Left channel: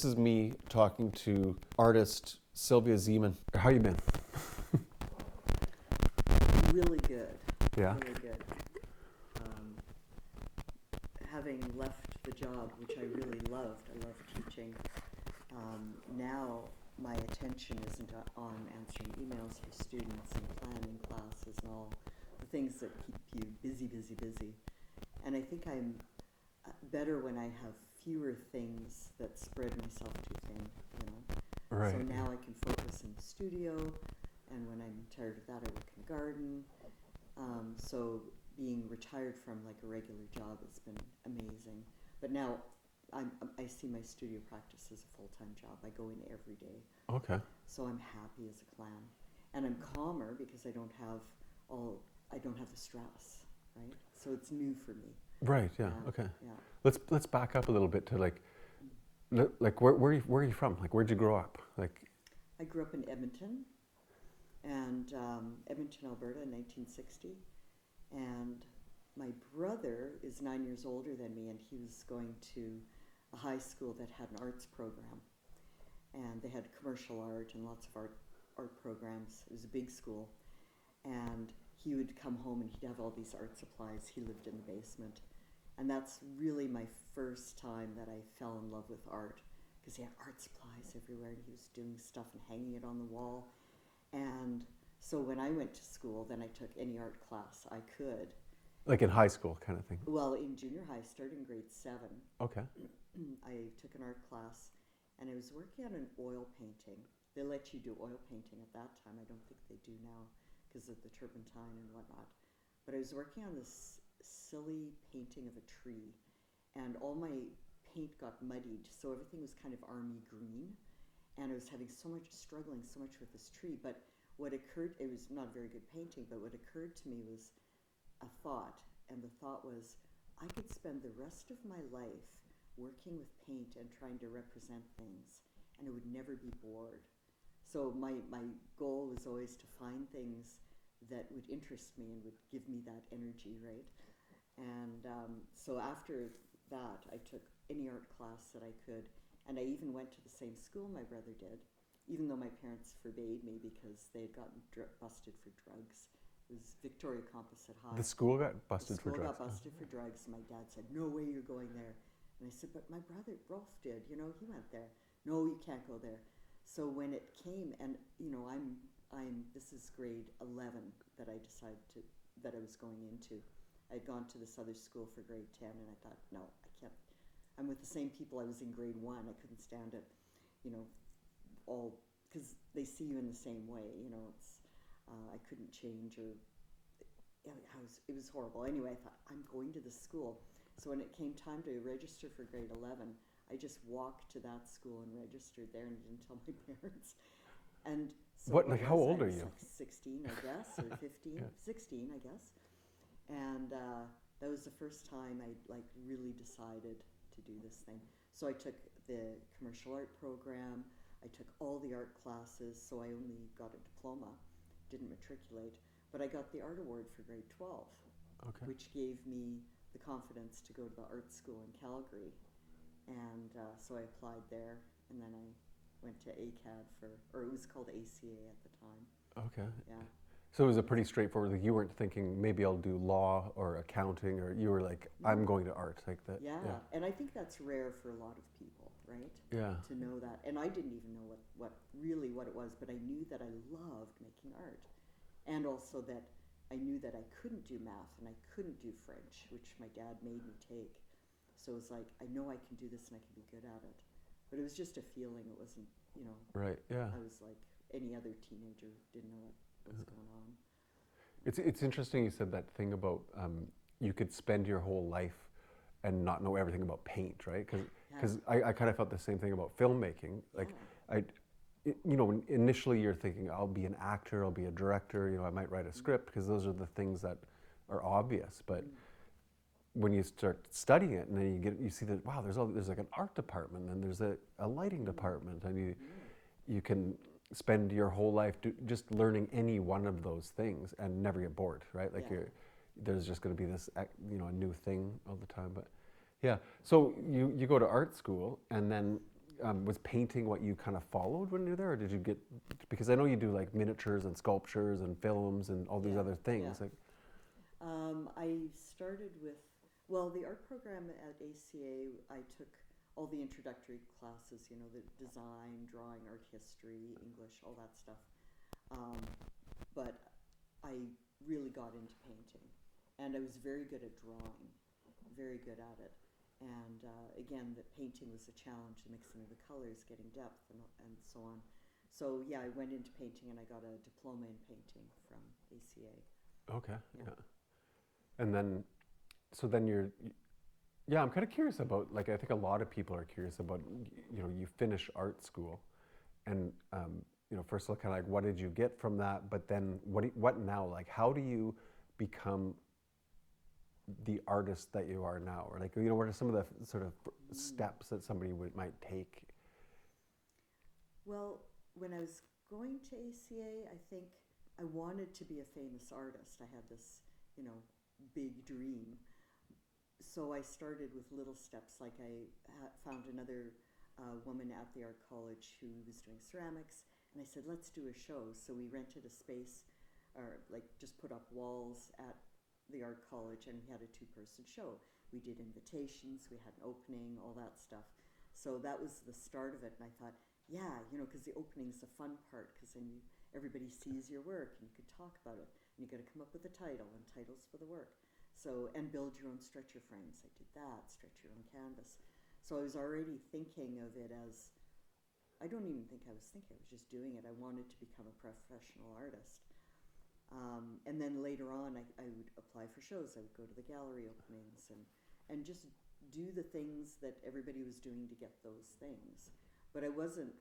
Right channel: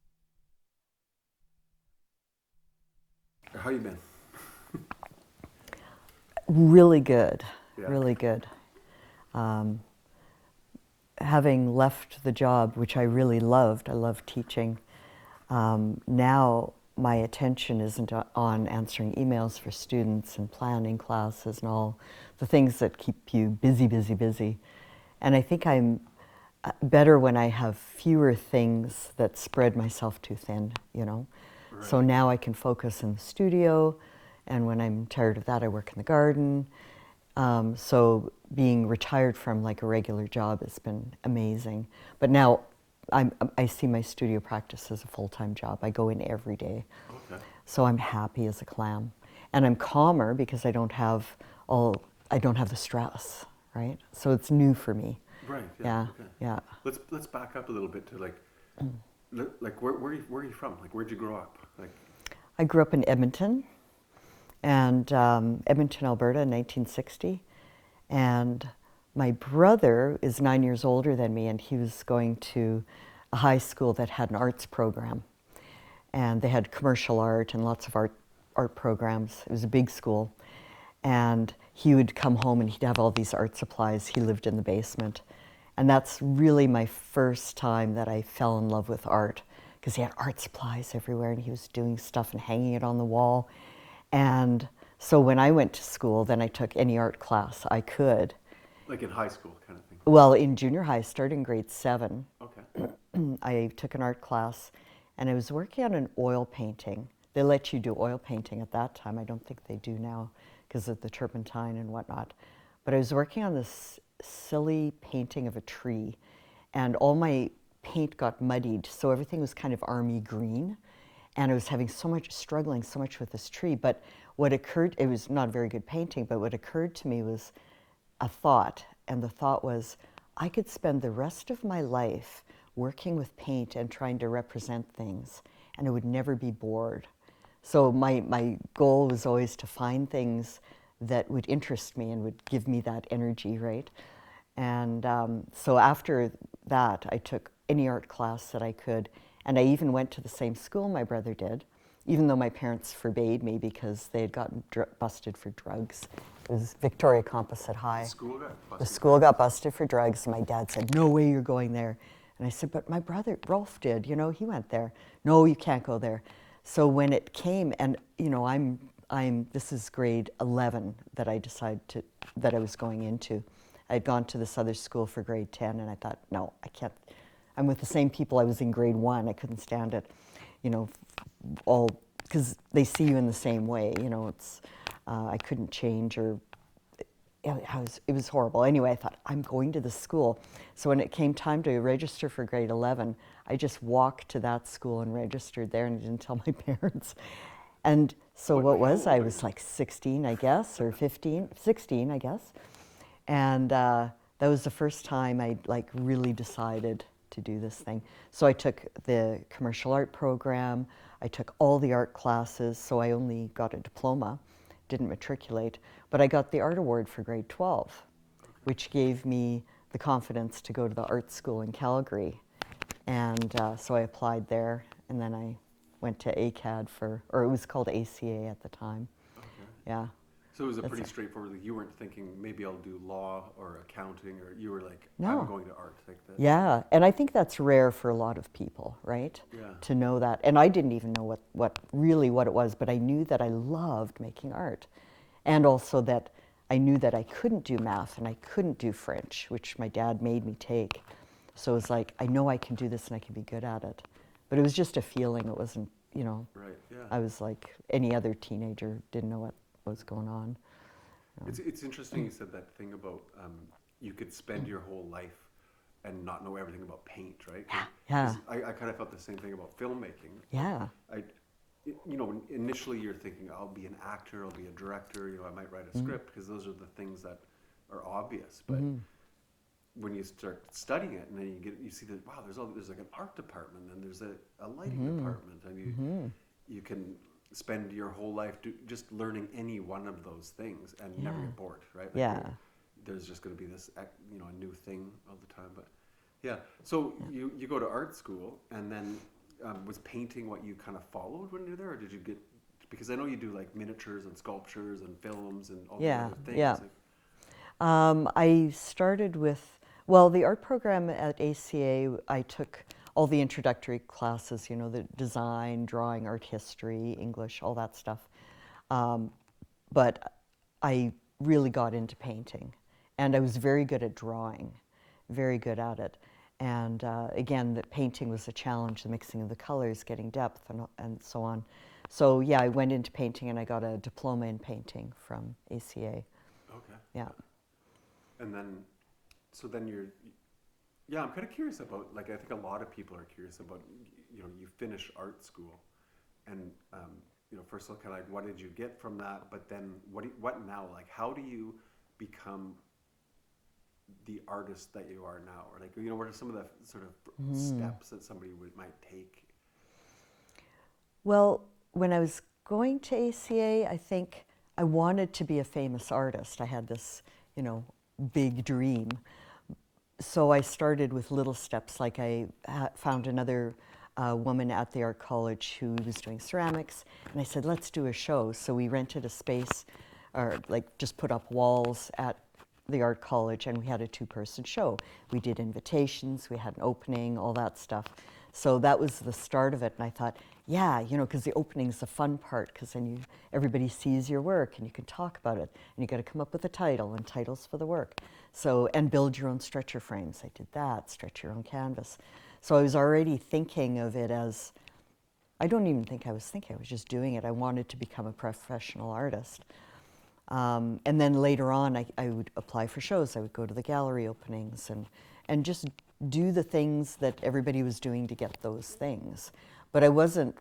This is me talking to artist Sylvia Ziemann. How you been? Really good, Yeah. really good. Having left the job, which I really loved, I love teaching, now my attention isn't on answering emails for students and planning classes and all the things that keep you busy, busy, busy. And I think I'm better when I have fewer things that spread myself too thin, you know? Right. So now I can focus in the studio, and when I'm tired of that, I work in the garden. So being retired from like a regular job has been amazing. But now I see my studio practice as a full-time job. I go in every day. Okay. So I'm happy as a clam. And I'm calmer because I don't have the stress, right? So it's new for me. Right. Yeah. Yeah. Okay. Yeah. Let's back up a little bit to like where are you from? Like where'd you grow up? Like I grew up in Edmonton, and Edmonton, Alberta, in 1960. And my brother is 9 years older than me, and he was going to a high school that had an arts program. And they had commercial art and lots of art programs. It was a big school. And he would come home and he'd have all these art supplies. He lived in the basement. And that's really my first time that I fell in love with art, because he had art supplies everywhere and he was doing stuff and hanging it on the wall. And so when I went to school, then I took any art class I could. in high school kind of thing. Well, in junior high, starting grade 7, Okay. I took an art class, and I was working on an oil painting. They let you do oil painting at that time. I don't think they do now because of the turpentine and whatnot. But I was working on this silly painting of a tree, and all my paint got muddied, so everything was kind of army green. And I was struggling so much with this tree. But it was not a very good painting, but what occurred to me was a thought. And the thought was, I could spend the rest of my life working with paint and trying to represent things, and I would never be bored. So my goal was always to find things that would interest me and would give me that energy, right? And so after that, I took any art class that I could. And I even went to the same school my brother did, even though my parents forbade me because they had gotten busted for drugs. It was Victoria Composite High. The school got busted. The school got busted for drugs. And my dad said, "No way you're going there." And I said, "But my brother, Rolf, did. You know, he went there." "No, you can't go there." So when it came, and you know, this is grade 11 that I decided that I was going into. I'd gone to this other school for grade 10, and I thought, no, I can't. I'm with the same people I was in grade 1. I couldn't stand it, you know, all because they see you in the same way. You know, I couldn't change, or it was horrible. Anyway, I thought, I'm going to this school. So when it came time to register for grade 11, I just walked to that school and registered there, and I didn't tell my parents. And so I was like 16, I guess, or 15, 16, I guess. And that was the first time I really decided to do this thing. So I took the commercial art program, I took all the art classes, so I only got a diploma, didn't matriculate, but I got the art award for grade 12, okay, which gave me the confidence to go to the art school in Calgary. And so I applied there, and then I went to ACAD or it was called ACA at the time. Okay. Yeah. So it was a pretty straightforward, you weren't thinking maybe I'll do law or accounting, or you were like, no, I'm going to art like that. Yeah, and I think that's rare for a lot of people, right? Yeah. To know that. And I didn't even know what it was, but I knew that I loved making art. And also that I knew that I couldn't do math and I couldn't do French, which my dad made me take. So it was like, I know I can do this and I can be good at it. But it was just a feeling. It wasn't, you know. Right, yeah. I was like any other teenager, didn't know what was going on. It's interesting you said that thing about you could spend your whole life and not know everything about paint, right? Yeah. I kind of felt the same thing about filmmaking. Yeah. You know, initially you're thinking, I'll be an actor, I'll be a director, you know, I might write a script, because those are the things that are obvious. But when you start studying it, and then you see that, wow, there's like an art department, and there's a lighting department, and you can spend your whole life just learning any one of those things and never get bored, right? Like there's just going to be this, you know, a new thing all the time. But yeah, so you go to art school, and then was painting what you kind of followed when you were there, or did you get, because I know you do like miniatures and sculptures and films and all these other things. Yeah. Like, I started with, well, the art program at ACA, I took all the introductory classes, you know, the design, drawing, art history, English, all that stuff. But I really got into painting, and I was very good at drawing, very good at it. And again, the painting was a challenge, the mixing of the colors, getting depth, and so on. So yeah, I went into painting, and I got a diploma in painting from ACA. okay. Yeah. And then, so then yeah, I'm kind of curious about, like, I think a lot of people are curious about, you know, you finish art school, and, you know, first of all, kind of like, what did you get from that? But then, what now? Like, how do you become the artist that you are now? Or like, you know, what are some of the sort of steps that somebody might take? Well, when I was going to ACA, I think I wanted to be a famous artist. I had this, you know, big dream. So I started with little steps, like I found another woman at the art college who was doing ceramics, and I said, let's do a show. So we rented a space, or like just put up walls at the art college, and we had a 2-person show. We did invitations, we had an opening, all that stuff. So that was the start of it, and I thought, yeah, you know, because the opening's the fun part, because then everybody sees your work and you can talk about it, and you got to come up with a title and titles for the work. So, and build your own stretcher frames. I did that, stretch your own canvas. So I was already thinking of it as, I don't even think I was thinking, I was just doing it. I wanted to become a professional artist. And then later on, I would apply for shows. I would go to the gallery openings and just do the things that everybody was doing to get those things. But I wasn't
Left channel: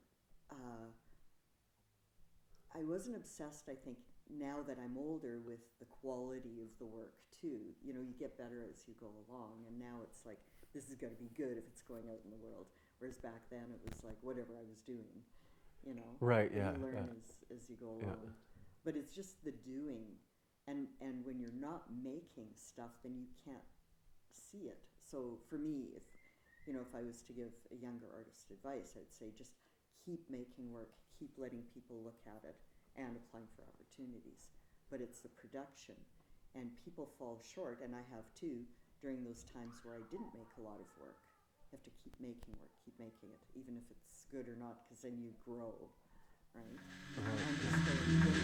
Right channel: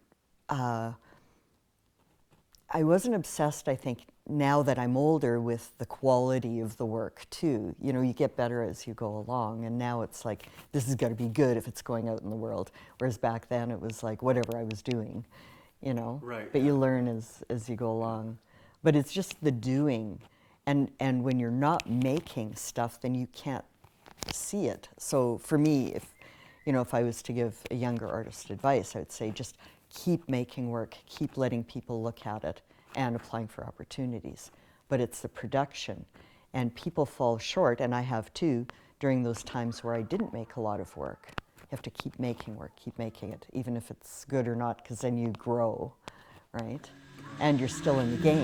obsessed, I think, now that I'm older, with the quality of the work too. You know, you get better as you go along, and now it's like, this has got to be good if it's going out in the world. Whereas back then it was like, whatever I was doing, you know. Right. But you learn as you go along. But it's just the doing. And when you're not making stuff, then you can't see it. So for me, if I was to give a younger artist advice, I would say just keep making work, keep letting people look at it, and applying for opportunities. But it's the production. And people fall short, and I have too, during those times where I didn't make a lot of work. You have to keep making work, keep making it, even if it's good or not, because then you grow, right? And you're still in the game.